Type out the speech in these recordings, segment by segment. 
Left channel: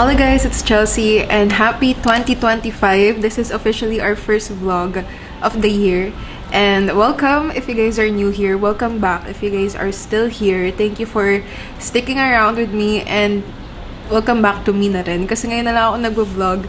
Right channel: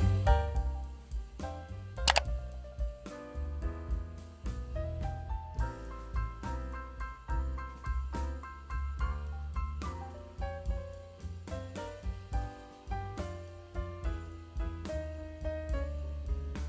Hello guys, it's Chelsea and happy 2025. This is officially our first vlog of the year. And welcome if you guys are new here. Welcome back if you guys are still here. Thank you for sticking around with me and welcome back to me na rin. Kasi ngayon na lang ako nag-vlog.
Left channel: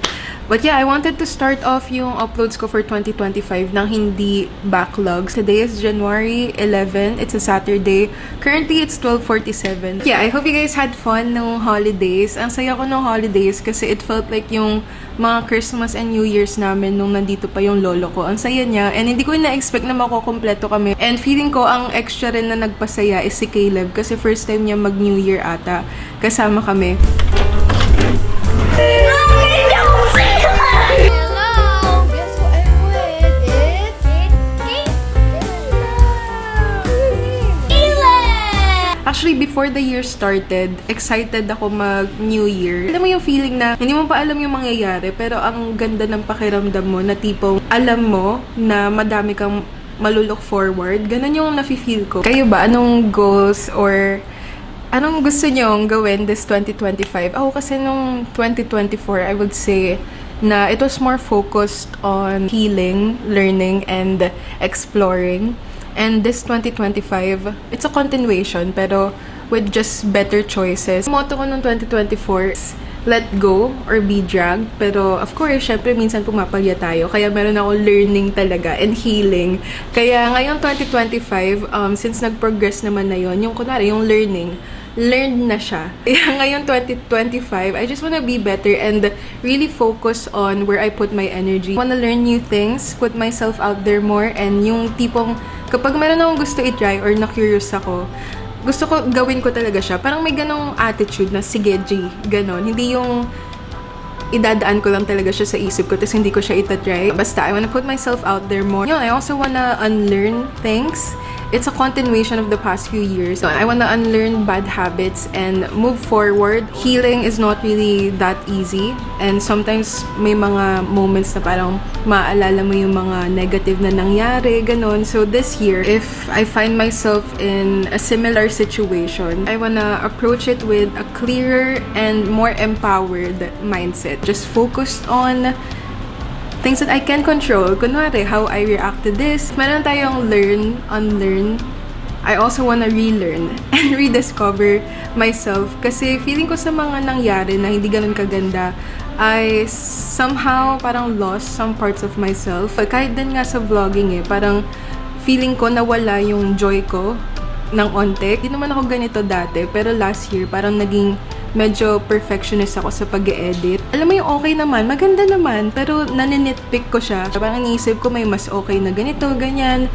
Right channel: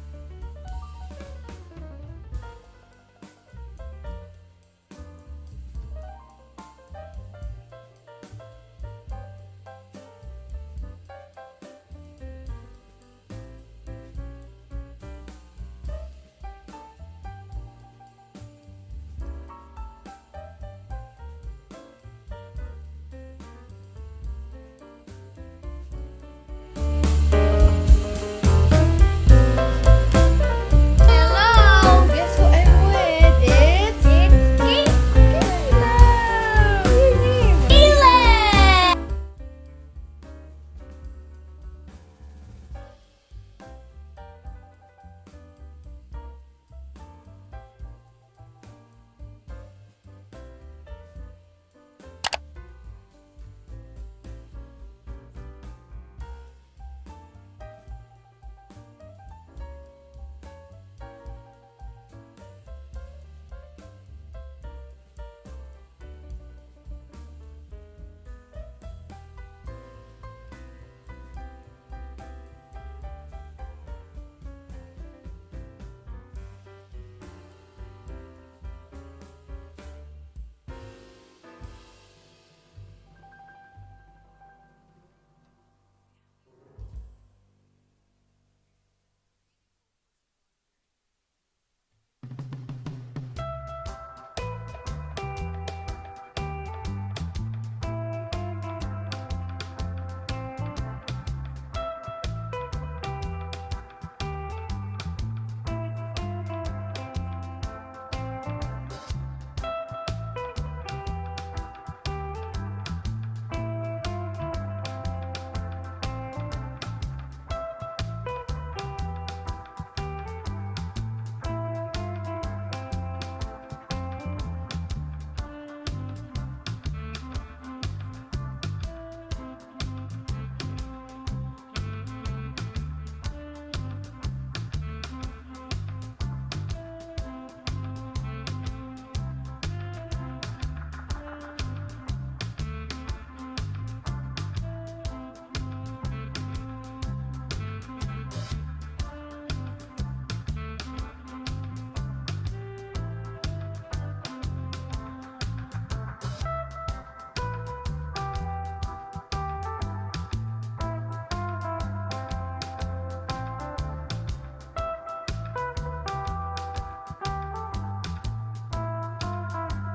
But yeah, I wanted to start off yung uploads ko for 2025 nang hindi backlogs. Today is January 11. It's a Saturday. Currently, it's 12:47. Yeah, I hope you guys had fun nung holidays. Ang saya ko nung holidays kasi it felt like yung mga Christmas and New Year's namin nung nandito pa yung lolo ko. Ang saya niya. And hindi ko na-expect na makukompleto kami. And feeling ko ang extra rin na nagpasaya is si Caleb kasi first time niya mag-New Year ata. Kasama kami. Actually, before the year started, excited ako mag-New Year. Alam mo yung feeling na hindi mo pa alam yung mangyayari, pero ang ganda ng pakiramdam mo na tipong alam mo na madami kang malulook forward. Ganun yung nafe-feel ko. Kayo ba? Anong goals or anong gusto nyong gawin this 2025? Ako kasi nung 2024, I would say na it was more focused on healing, learning, and exploring. And this 2025, it's a continuation pero with just better choices. Ang motto ko nung 2024 is let go or be dragged. Pero of course, syempre minsan pumapalya tayo. Kaya meron ako learning talaga and healing. Kaya ngayong 2025, since nag-progress naman na yon, yung kunwari, yung learned na siya. Kaya ngayon 2025, I just wanna be better and really focus on where I put my energy. I wanna learn new things, put myself out there more, and yung tipong kapag meron akong gusto i-try or na-curious ako, gusto ko gawin ko talaga siya. Parang may ganong attitude na sige G, ganon. Hindi yung idadaan ko lang talaga siya sa isip ko tapos hindi ko siya itatry. Basta, I wanna put myself out there more. Yun, I also wanna unlearn things. It's a continuation of the past few years. So I want to unlearn bad habits and move forward. Healing is not really that easy. And sometimes may mga moments na parang maaalala mo yung mga negative na nangyari, ganon. So this year, if I find myself in a similar situation, I want to approach it with a clearer and more empowered mindset. Just focused on things that I can control. Kunwari, how I react to this. Meron tayong learn, unlearn. I also wanna relearn and rediscover myself. Kasi feeling ko sa mga nangyari na hindi ganun kaganda, I somehow parang lost some parts of myself. Kahit din nga sa vlogging parang feeling ko nawala yung joy ko ng onte. Hindi naman ako ganito dati, pero last year parang naging medyo perfectionist ako sa pag-e-edit. Alam mo yung okay naman, maganda naman, pero naninitpick ko siya. Parang iniisip ko may mas okay na ganito, ganyan.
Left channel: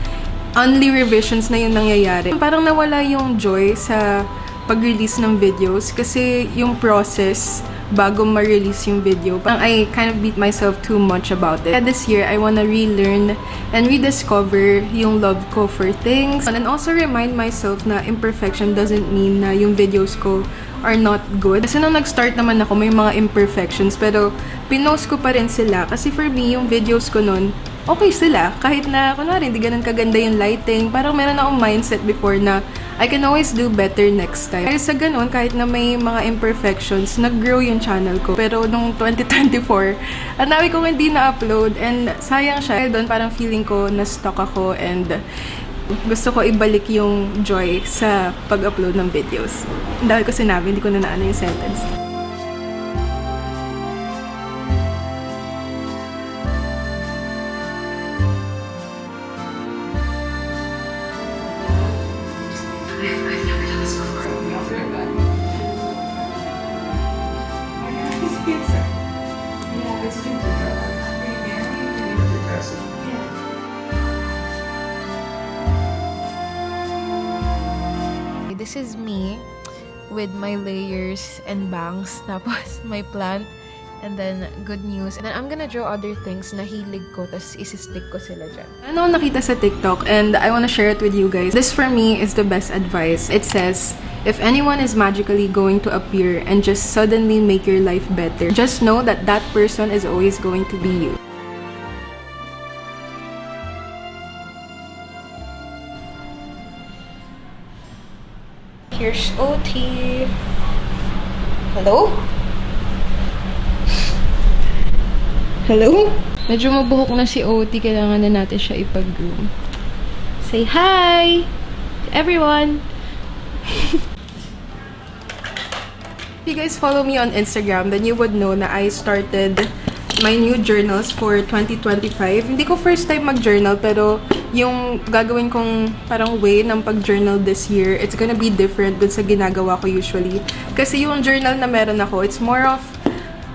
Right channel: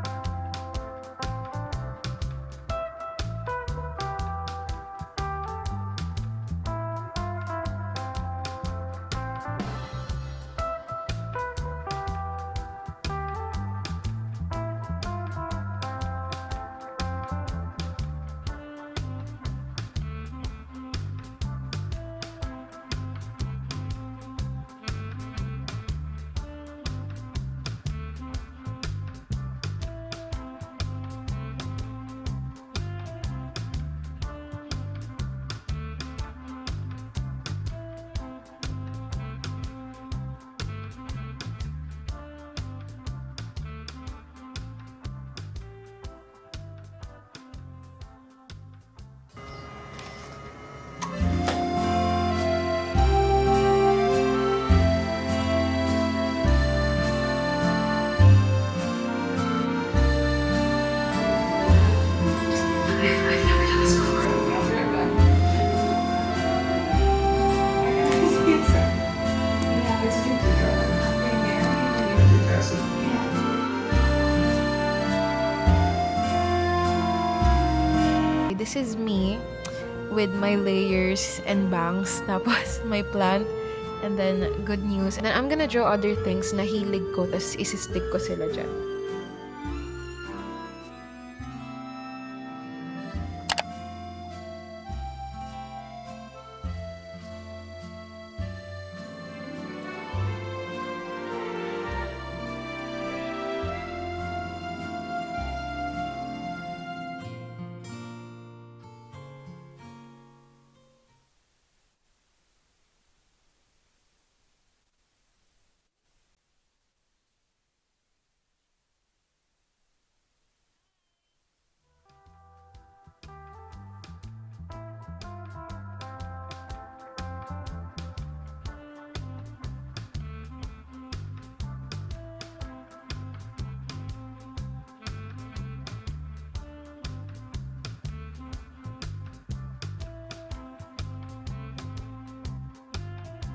Only revisions na yung nangyayari. Parang nawala yung joy sa pag-release ng videos kasi yung process bago ma-release yung video. Parang I kind of beat myself too much about it. And this year, I wanna relearn and rediscover yung love ko for things. And also remind myself na imperfection doesn't mean na yung videos ko are not good. Kasi nung nag-start naman ako, may mga imperfections, pero pinost ko pa rin sila. Kasi for me, yung videos ko nun, okay sila. Kahit na, kunwari, hindi ganun kaganda yung lighting. Parang meron akong mindset before na I can always do better next time. Kaya sa ganun, kahit na may mga imperfections, nag-grow yung channel ko. Pero nung 2024, ang dami kong hindi na-upload and sayang siya. Doon parang feeling ko na-stuck ako and gusto ko ibalik yung joy sa pag-upload ng videos. Ang dami ko sinabi, hindi ko na naano yung sentence. This is me with my layers and bangs, tapos my plant, and then good news. And then I'm gonna draw other things na hilig ko, tapos isi-stick ko sila dyan. Ano nakita sa TikTok and I wanna share it with you guys. This for me is the best advice. It says, if anyone is magically going to appear and just suddenly make your life better, just know that that person is always going to be you. Here's OT. Hello? Hello? Medyo mabuhok na si OT. Kailangan na natin siya ipag-groom. Say hi! Everyone! If you guys follow me on Instagram, then you would know na I started my new journals for 2025. Hindi ko first time mag-journal, pero yung gagawin kong parang way ng pag-journal this year, it's gonna be different dun sa ginagawa ko usually. Kasi yung journal na meron ako, it's more of,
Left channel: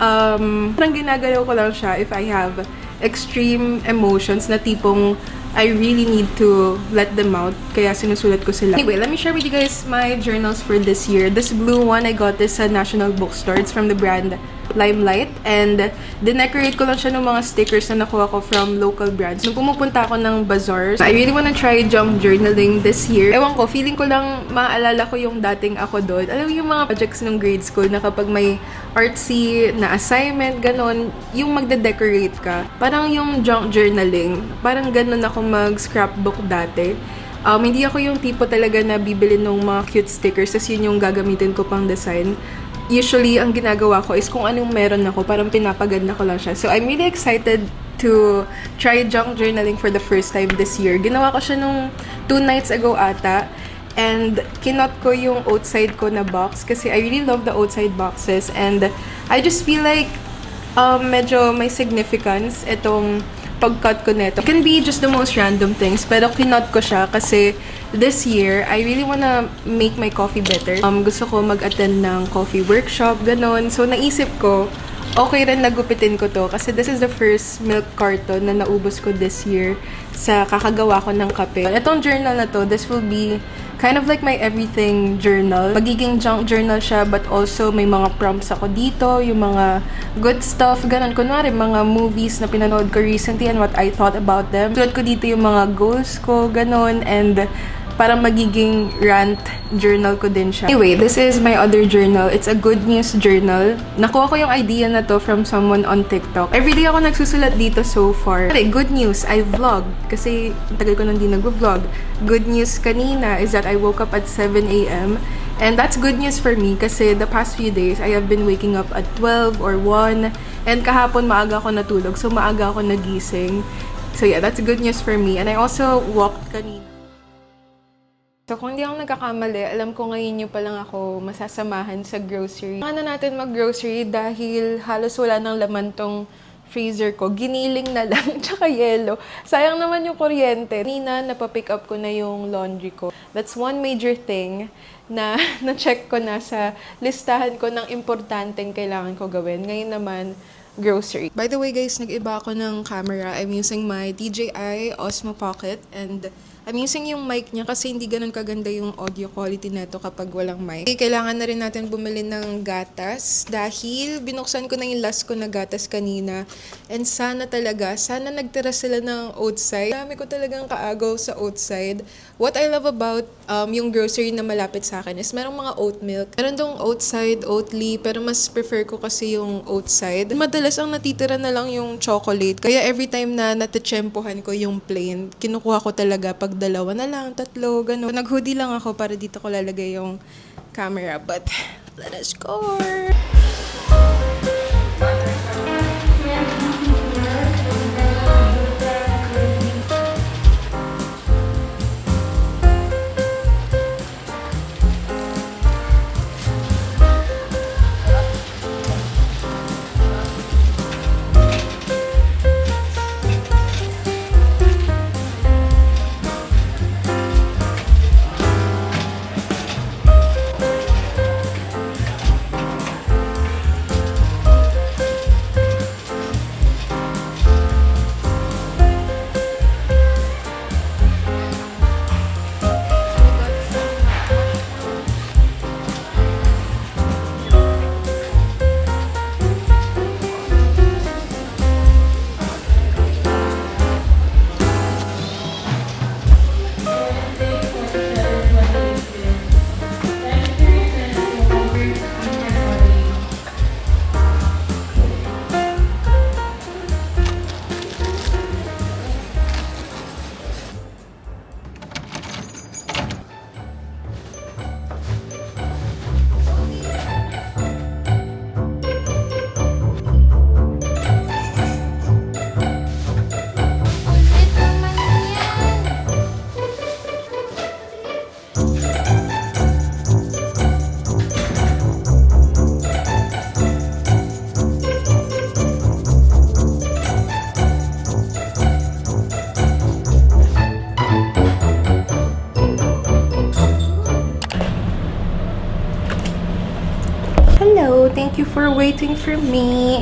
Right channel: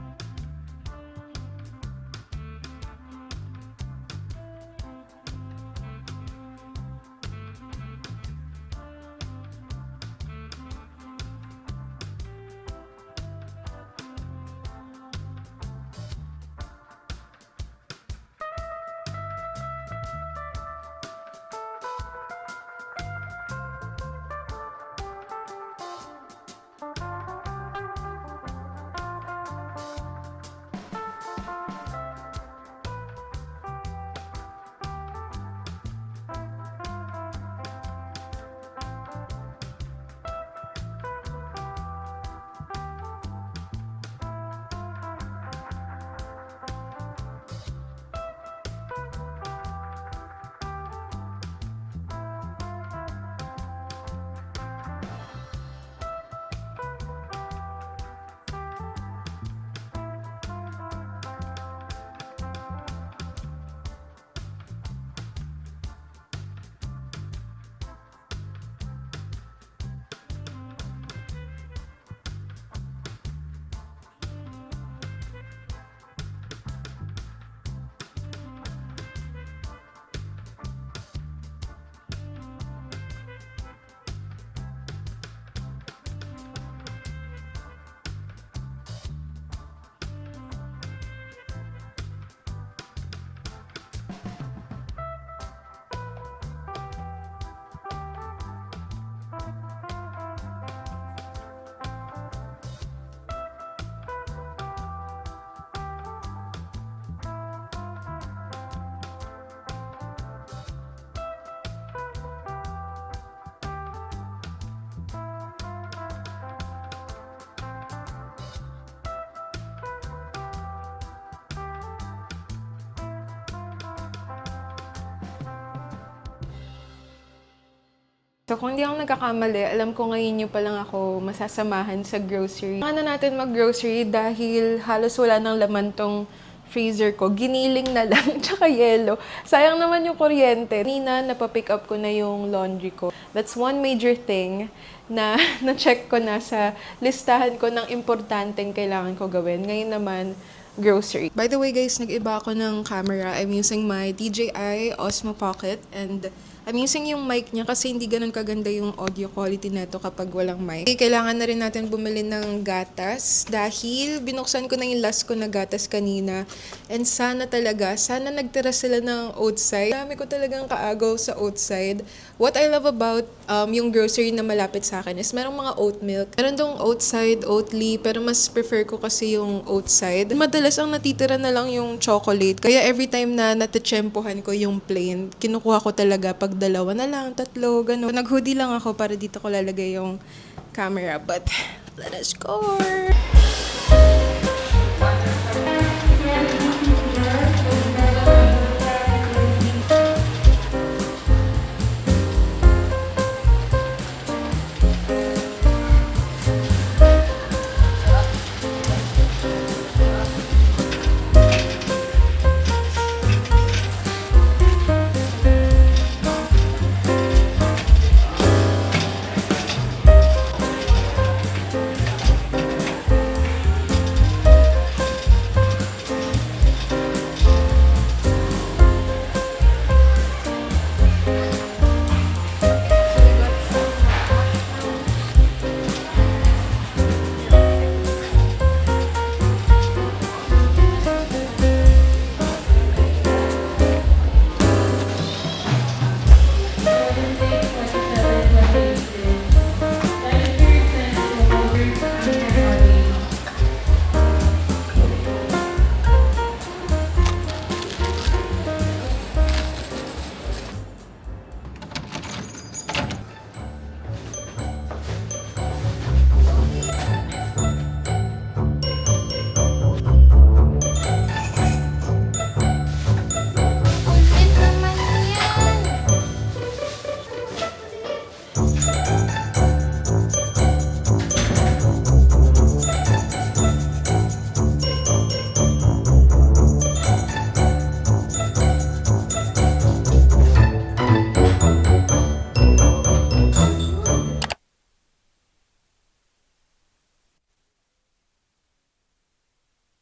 parang ginagalaw ko lang siya if I have extreme emotions na tipong I really need to let them out. Kaya sinusulat ko sila. Anyway, let me share with you guys my journals for this year. This blue one, I got this sa National Bookstore. It's from the brand Limelight. And dinecorate ko lang siya ng mga stickers na nakuha ko from local brands. Nung pumupunta ako ng bazaars, I really wanna try junk journaling this year. Ewan ko, feeling ko lang maaalala ko yung dating ako doon. Alam mo yung mga projects ng grade school na kapag may artsy na assignment, ganon, yung magde-decorate ka. Parang yung junk journaling, parang ganon ako mag-scrapbook dati. Hindi ako yung tipo talaga na bibili ng mga cute stickers, tas yun yung gagamitin ko pang design. Usually, ang ginagawa ko is kung anong meron ako, parang pinapaganda ko lang siya. So, I'm really excited to try junk journaling for the first time this year. Ginawa ko siya nung 2 nights ago ata. And kinot ko yung outside ko na box kasi I really love the outside boxes. And I just feel like medyo may significance itong pag-cut ko neto. It can be just the most random things, pero kinot ko siya kasi this year, I really wanna make my coffee better. Gusto ko mag-attend ng coffee workshop, ganon. So, naisip ko, okay rin nagupitin ko to kasi this is the first milk carton na naubos ko this year sa kakagawa ko ng kape. Itong journal na to, this will be kind of like my everything journal. Magiging junk journal siya, but also may mga prompts ako dito, yung mga good stuff, ganun. Kunwari, mga movies na pinanood ko recently and what I thought about them. Sulat ko dito yung mga goals ko, ganun, and parang magiging rant journal ko din siya. Anyway, this is my other journal. It's a good news journal. Nakuha ko yung idea na to from someone on TikTok. Everyday ako nagsusulat dito so far. Good news, I vlog. Kasi tagal ko nang di nag-vlog. Good news kanina is that I woke up at 7 a.m. And that's good news for me kasi the past few days, I have been waking up at 12 or 1. And kahapon maaga ako natulog, so maaga ako nagising. So yeah, that's good news for me. And I also walked kanina. So, kung hindi ako nagkakamali, alam ko ngayon nyo pa lang ako masasamahan sa grocery. Ano natin mag-grocery dahil halos wala nang laman tong freezer ko. Giniling na lang, tsaka yelo. Sayang naman yung kuryente. Kanina, napapick up ko na yung laundry ko. That's one major thing na na-check ko na sa listahan ko ng importanteng kailangan ko gawin. Ngayon naman, grocery. By the way guys, nag-iba ako ng camera. I'm using my DJI Osmo Pocket and I'm using yung mic niya kasi hindi ganun kaganda yung audio quality neto kapag walang mic. Okay, kailangan na rin natin bumili ng gatas dahil binuksan ko na yung last ko na gatas kanina. And sana nagtira sila ng outside. Dami ko talagang kaagaw sa outside. What I love about yung grocery na malapit sa akin is merong mga oat milk. Meron dong outside, Oatly, pero mas prefer ko kasi yung outside. Madalas ang natitira na lang yung chocolate. Kaya every time na natitsyempohan ko yung plain, kinukuha ko talaga pag dalawa na lang, tatlo, gano'n. Nag-hoodie lang ako para dito ko lalagay yung camera. But, let us go! Hello, thank you for waiting for me.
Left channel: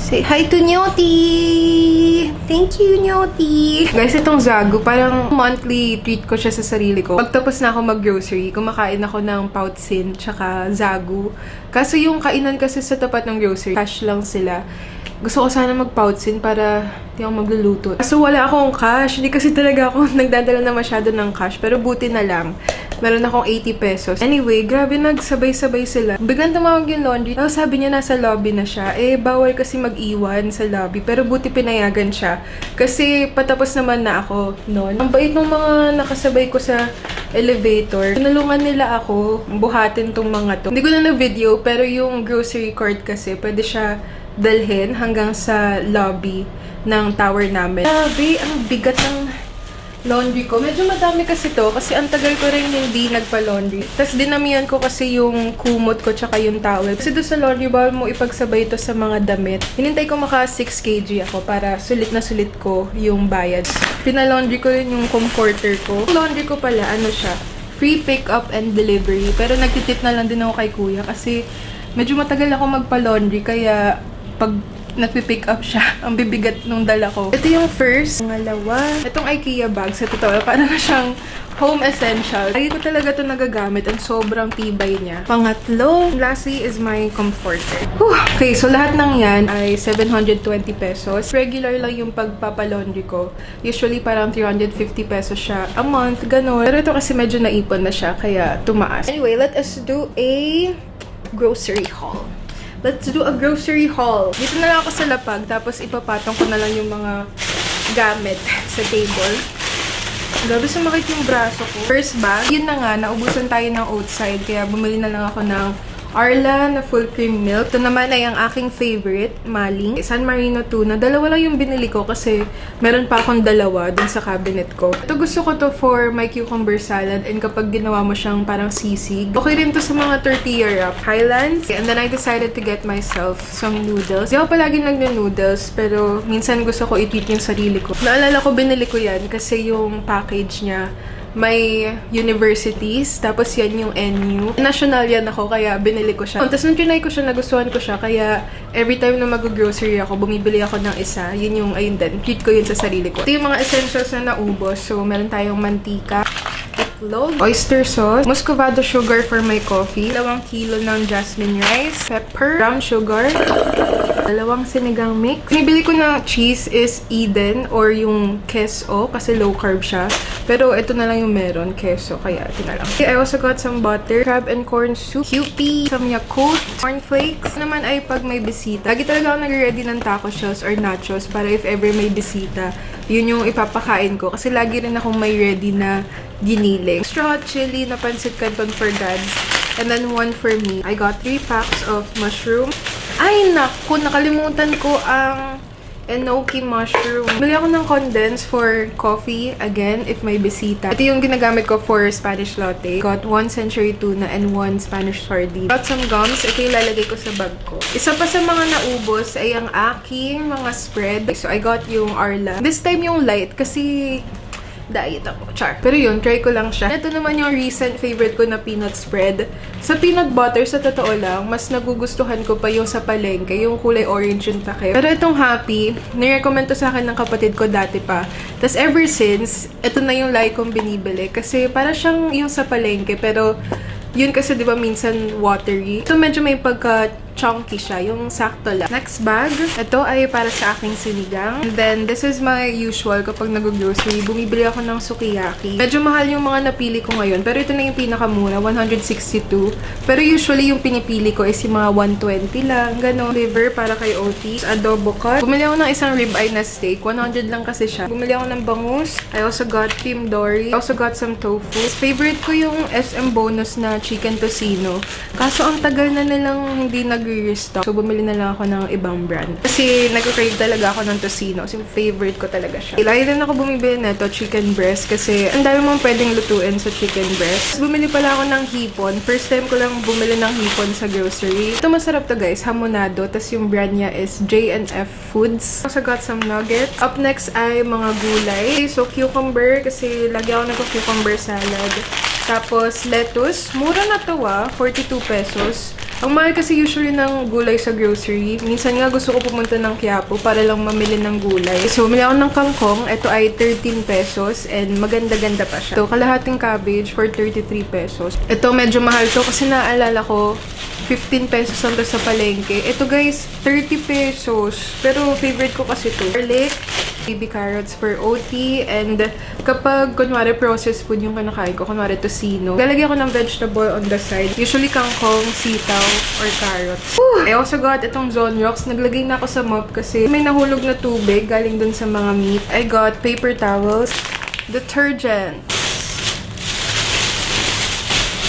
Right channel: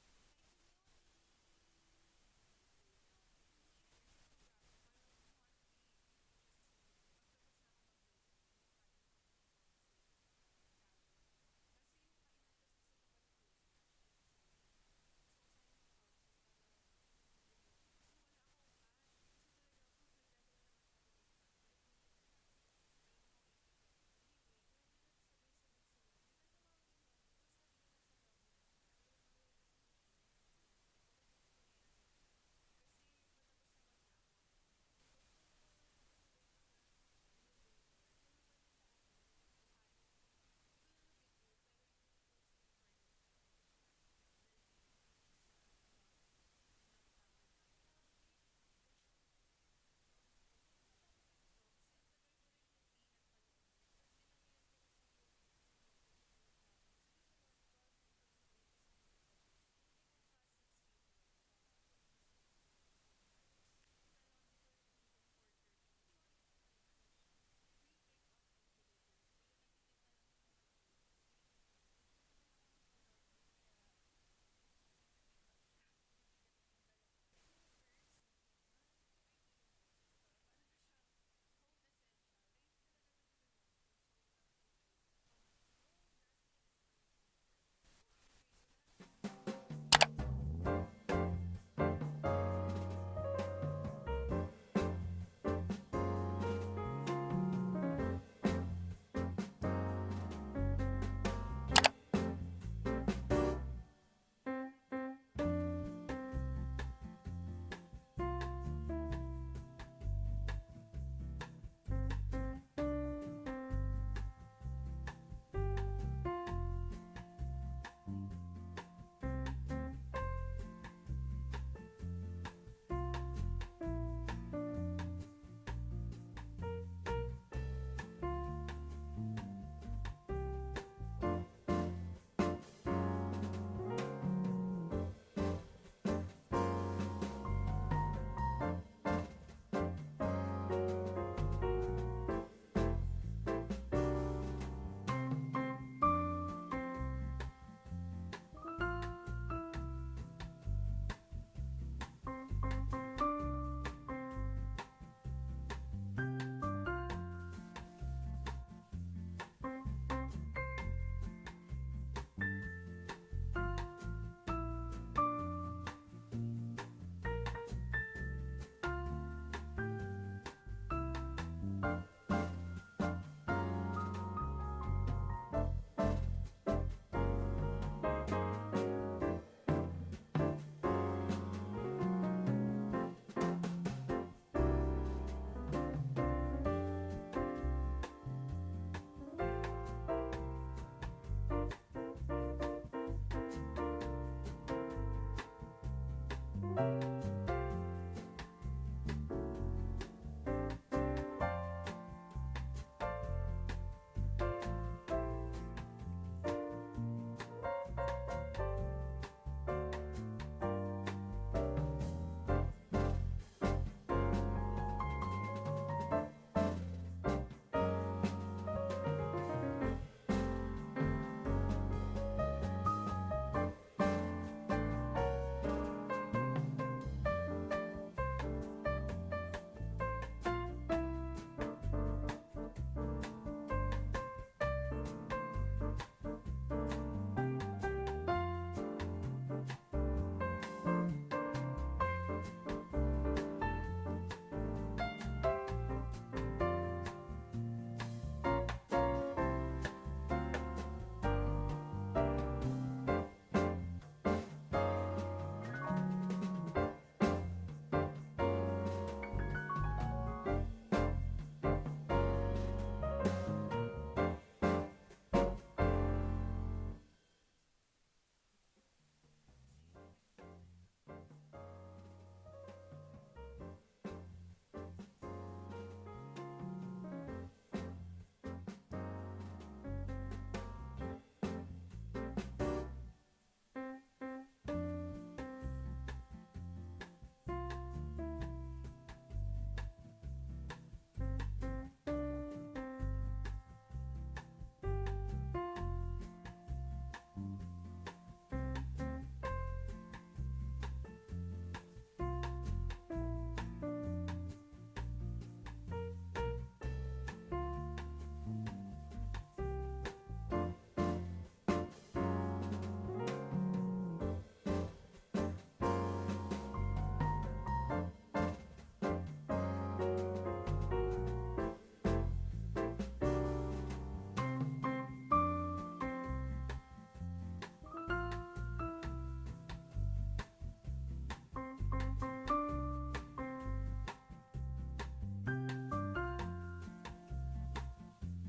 Say hi to Nyoti! Thank you, Nyoti! Guys, itong Zagu, parang monthly treat ko siya sa sarili ko. Pagtapos na ako mag-grocery, kumakain ako ng Poutsin tsaka Zagu. Kaso yung kainan kasi sa tapat ng grocery, cash lang sila. Gusto ko sana mag-Poutsin para hindi ako magluluto. Kaso wala akong cash. Hindi kasi talaga ako nagdadala na masyado ng cash. Pero buti na lang. Meron akong 80 pesos. Anyway, grabe nagsabay-sabay sila. Biglang tumawag yung laundry. Tapos sabi niya nasa lobby na siya. Eh, bawal kasi mag-iwan sa lobby. Pero buti pinayagan siya. Kasi patapos naman na ako noon. Ang bait ng mga nakasabay ko sa elevator. Tinulungan nila ako buhatin tong mga to. Hindi ko na na-video, pero yung grocery cart kasi, pwede siya dalhin hanggang sa lobby ng tower namin. Grabe, ang bigat ng laundry ko. Medyo madami kasi to kasi ang tagal ko rin hindi nagpa-laundry. Tapos dinamihan ko kasi yung kumot ko tsaka yung towel. Kasi doon sa laundry, bawal mo ipagsabay ito sa mga damit. Hinintay ko maka 6 kg ako para sulit na sulit ko yung bayad. Pinalaundry ko rin yung comforter ko. Yung laundry ko pala, ano siya, free pick up and delivery. Pero nagtitip na lang din ako kay kuya kasi medyo matagal ako magpa-laundry kaya pag nagpipick up siya, ang bibigat nung dala ko. Ito yung first. Pangalawa, itong IKEA bag. Sa totoo, para na siyang home essential. Lagi ko talaga ito nagagamit. Ang sobrang tibay niya. Pangatlo, lastly is my comforter. Okay, so lahat ng yan ay 720 pesos. Regular lang yung pagpapalaundry ko. Usually parang 350 pesos siya a month, ganun. Pero ito kasi medyo naipon na siya, kaya tumaas. Anyway, let us do a grocery haul. Let's do a grocery haul. Dito na lang ako sa lapag, tapos ipapatong ko na lang yung mga gamit sa table. Grabe sumakit yung braso ko. First bag, yun na nga, naubusan tayo ng outside, kaya bumili na lang ako ng Arla na full cream milk. Ito naman ay ang aking favorite, Maling. San Marino tuna. Dalawa lang yung binili ko kasi meron pa akong dalawa dun sa cabinet ko. Ito gusto ko to for my cucumber salad and kapag ginawa mo siyang parang sisig. Okay rin to sa mga tortilla wrap. Highlands. And then I decided to get myself some noodles. Di ako palagi nag-noodles pero minsan gusto ko i-treat yung sarili ko. Naalala ko binili ko yan kasi yung package niya may universities, tapos yan yung NU. National yan ako, kaya binili ko siya. Tapos nung trinay ko siya, nagustuhan ko siya, kaya every time na mag-grocery ako, bumibili ako ng isa. Yun yung, ayun din, treat ko yun sa sarili ko. Ito yung mga essentials na naubos. So, meron tayong mantika, itlog, oyster sauce, muscovado sugar for my coffee, 2 kilo ng jasmine rice, pepper, brown sugar, 2 sinigang mix. Binibili ko ng cheese is Eden or yung queso kasi low carb siya. Pero ito na lang yung meron, queso, kaya ito na lang. Okay, I also got some butter, crab and corn soup, Kewpie, some Yakult, cornflakes. Naman ay pag may bisita. Lagi talaga ako nag-ready ng taco shells or nachos para if ever may bisita, yun yung ipapakain ko. Kasi lagi rin akong may ready na giniling. Extra hot chili na pancit canton for dads. And then 1 for me. I got 3 packs of mushroom. Ay, naku, nakalimutan ko ang enoki mushroom. Bili ako ng condense for coffee, again, if may bisita. Ito yung ginagamit ko for Spanish latte. Got 1 century tuna and 1 Spanish sardine. Got some gums. Ito yung lalagay ko sa bag ko. Isa pa sa mga naubos ay ang aking mga spread. So, I got yung Arla. This time yung light kasi diet ako. Char. Pero yun, try ko lang siya. Ito naman yung recent favorite ko na peanut spread. Sa peanut butter, sa totoo lang, mas nagugustuhan ko pa yung sa palengke, yung kulay orange yung takip. Pero itong Happy, nirecommend to sa akin ng kapatid ko dati pa. Tapos ever since, ito na yung like kong binibili. Kasi para siyang yung sa palengke, pero yun kasi diba minsan watery. Ito medyo may pagka-chunky siya, yung sakto lang. Next bag, ito ay para sa aking sinigang. And then, this is my usual kapag nag-grocery. Bumibili ako ng sukiyaki. Medyo mahal yung mga napili ko ngayon, pero ito na yung pinakamura, 162. Pero usually yung pinipili ko is yung mga 120 lang, gano'n. Liver para kay Otis, adobo cut. Bumili ako ng isang ribeye na steak, 100 lang kasi siya. Bumili ako ng bangus. I also got Tim Dory. I also got some tofu. Favorite ko yung SM bonus na chicken tocino. Kaso ang tagal na nilang hindi nag-restock. So, bumili na lang ako ng ibang brand. Kasi nag-crave talaga ako ng tocino. Kasi favorite ko talaga siya. Lagi din ako bumibili nito, chicken breast. Kasi ang dami mong pwedeng lutuin sa chicken breast. Bumili pala ako ng hipon. First time ko lang bumili ng hipon sa grocery. Ito masarap to guys, hamonado. Tapos yung brand niya is J&F Foods. Also got some nuggets. Up next ay mga gulay. So, cucumber. Kasi lagi ako nagko-cucumber salad. Tapos, lettuce. Mura na to 42 pesos. Ang mahal kasi usually ng gulay sa grocery. Minsan nga gusto ko pumunta ng Quiapo para lang mamili ng gulay. So, bumili ako ng kangkong. Ito ay 13 pesos and maganda-ganda pa siya. Ito, kalahating cabbage for 33 pesos. Ito, medyo mahal to kasi naalala ko, 15 pesos lang to sa palengke. Ito guys, 30 pesos. Pero favorite ko kasi to. Garlic, baby carrots for OT, and kapag kunwari processed food yung kinakain ko, kunwari tocino, lalagyan ko ng vegetable on the side. Usually kangkong, sitaw, or carrots. I also got itong Zonrox. Naglagay na ako sa mop kasi may nahulog na tubig galing dun sa mga meat. I got paper towels, detergent.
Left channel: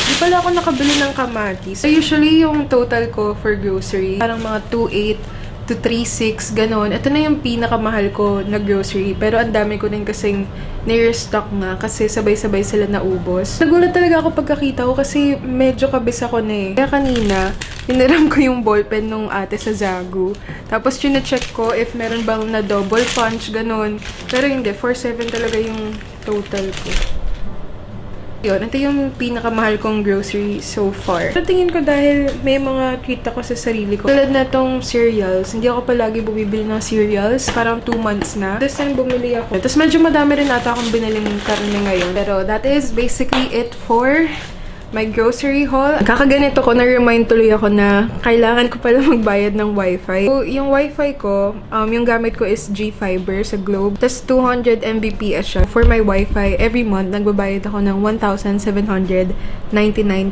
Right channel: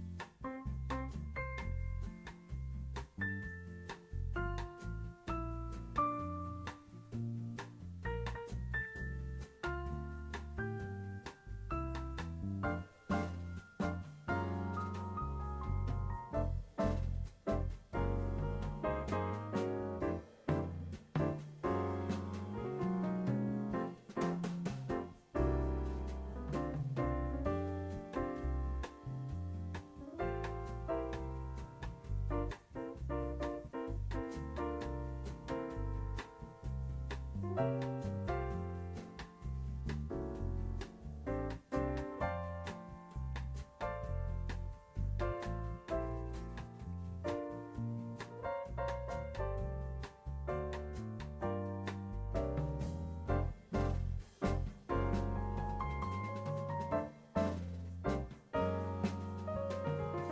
Di pala ako nakabili ng kamatis. So, usually, yung total ko for grocery, parang mga 2.8 to 3.6, ganon. Ito na yung pinakamahal ko na grocery. Pero ang dami ko din kasing near-stock nga kasi sabay-sabay sila naubos. Nagulat talaga ako pagkakita ko kasi medyo kabis ako na eh. Kaya kanina, piniram ko yung ballpen nung ate sa Zagu. Tapos chine-check ko if meron bang na double punch, ganon. Pero hindi, 4.7 talaga yung total ko. Yun, ito yung pinakamahal kong grocery so far. So, tingin ko dahil may mga treat ako sa sarili ko. Tulad na tong cereals. Hindi ako palagi bumibili ng cereals. Parang 2 months na. This time bumili ako. Tapos medyo madami rin ata akong biniling karne ngayon. Pero that is basically it for my grocery haul. Kakaganito ko, na-remind tuloy ako na kailangan ko pala magbayad ng wifi. So, yung wifi ko, yung gamit ko is G-Fiber sa Globe. Tapos 200 Mbps siya. For my wifi, every month, nagbabayad ako ng 1,799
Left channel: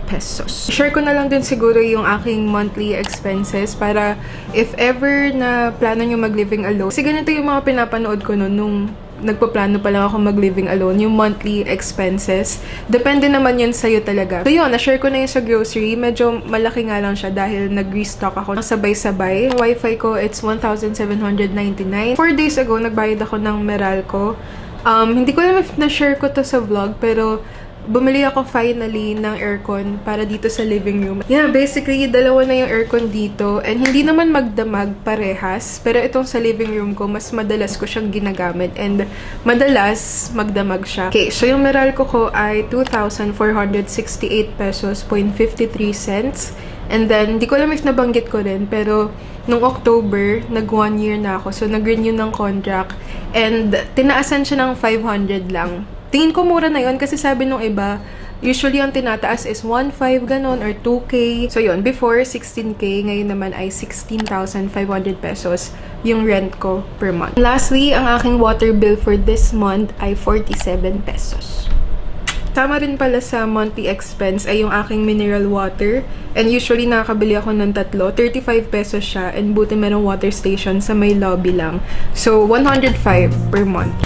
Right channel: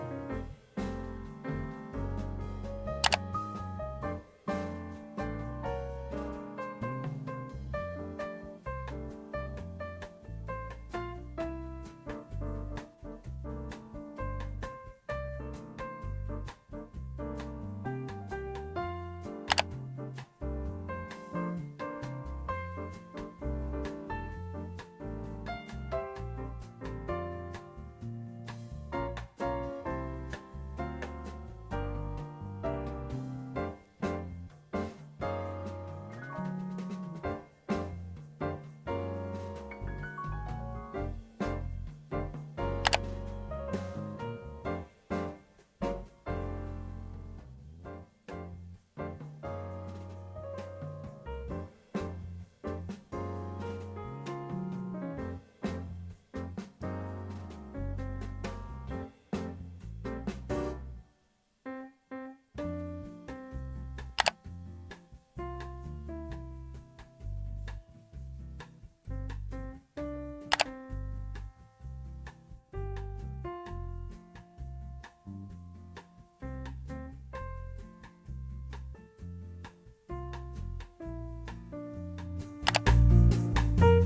pesos. Share ko na lang din siguro yung aking monthly expenses para if ever na plano nyo mag-living alone. Kasi ganito yung mga pinapanood ko noon nung nagpaplano pa lang ako mag-living alone, yung monthly expenses. Depende naman yun sa'yo talaga. So yun, na-share ko na yun sa grocery. Medyo malaki nga lang siya dahil nag-restock ako ng sabay-sabay. Yung wifi ko, it's 1,799. 4 days ago, nagbayad ako ng Meralco. Hindi ko alam if na-share ko to sa vlog, pero bumili ako finally ng aircon para dito sa living room. Yeah, basically, dalawa na yung aircon dito. And hindi naman magdamag parehas. Pero itong sa living room ko, mas madalas ko siyang ginagamit. And madalas, magdamag siya. Okay, so yung Meralco ko ay 2,468 pesos, 53 cents. And then, hindi ko alam if nabanggit ko rin, pero nung October, nag 1 year na ako. So, nag-renew ng contract. And tinaasan siya ng 500 lang. Tingin ko mura na yun kasi sabi nung iba, usually ang tinataas is 1.5 ganon or 2K. So yun, before 16K, ngayon naman ay 16,500 pesos yung rent ko per month. Lastly, ang aking water bill for this month ay 47 pesos. Tama rin pala sa monthly expense ay yung aking mineral water. And usually nakakabili ako ng 3, 35 pesos siya. And buti merong water station sa may lobby lang. So 105 per month.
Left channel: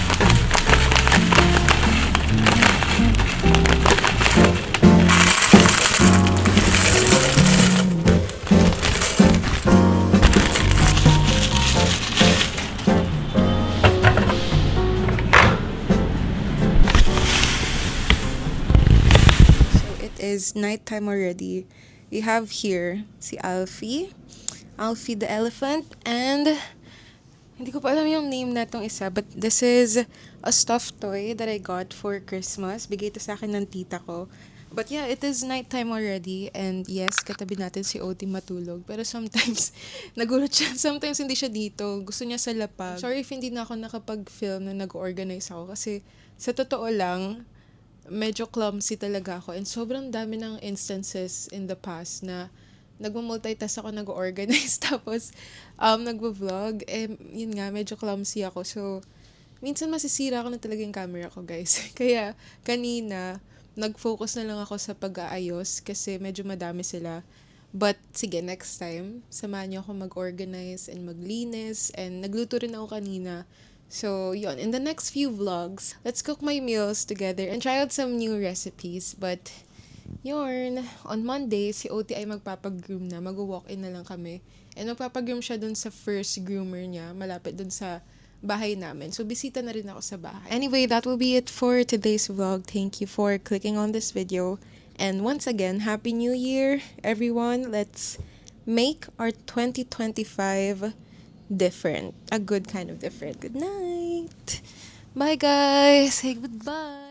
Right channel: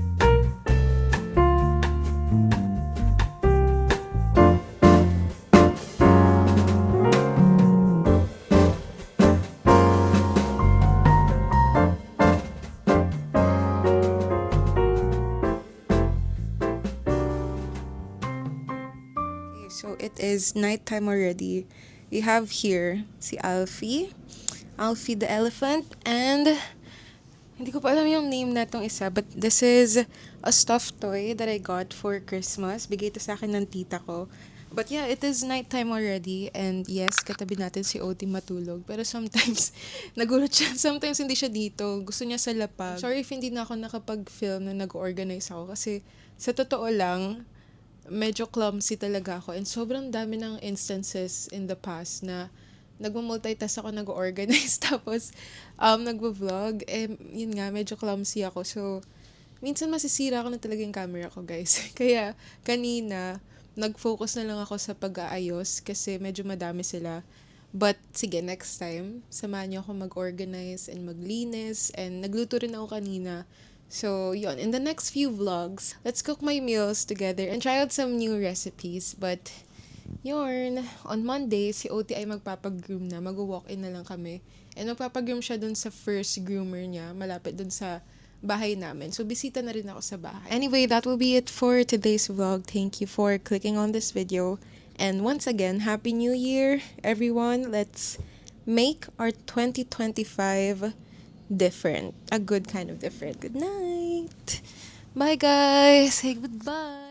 Is nighttime already. We have here si Alfie the elephant, and hindi ko pa alam yung name na tong isa, but this is a stuffed toy that I got for Christmas. Bigay ito sa akin ng tita ko. But yeah, it is nighttime already, and yes, katabi natin si Oti matulog. Pero sometimes, nagulat siya. Sometimes hindi siya dito. Gusto niya sa lapag. Sorry if hindi na ako nakapag-film na nag-organize ako kasi sa totoo lang, medyo clumsy talaga ako, and sobrang dami ng instances in the past na nagmo-multitask ako, nag-organize, tapos nagvo-vlog, yun nga, medyo clumsy ako. So, minsan masisira ako na talaga yung camera ko, guys. Kaya, kanina, nag-focus na lang ako sa pag-aayos kasi medyo madami sila. But, sige, next time, samahan niyo ako mag-organize and maglinis, and nagluto rin ako kanina. So, yun. In the next few vlogs, let's cook my meals together and try out some new recipes. But, yun. On Monday, si Oti ay magpapag-groom na. Mag-walk-in na lang kami. And magpapag-groom siya dun sa first groomer niya. Malapit dun sa bahay namin. So, bisita na rin ako sa bahay. Anyway, that will be it for today's vlog. Thank you for clicking on this video. And once again, Happy New Year, everyone. Let's make our 2025 different. A good kind of different. Good night. Bye, guys. Say goodbye.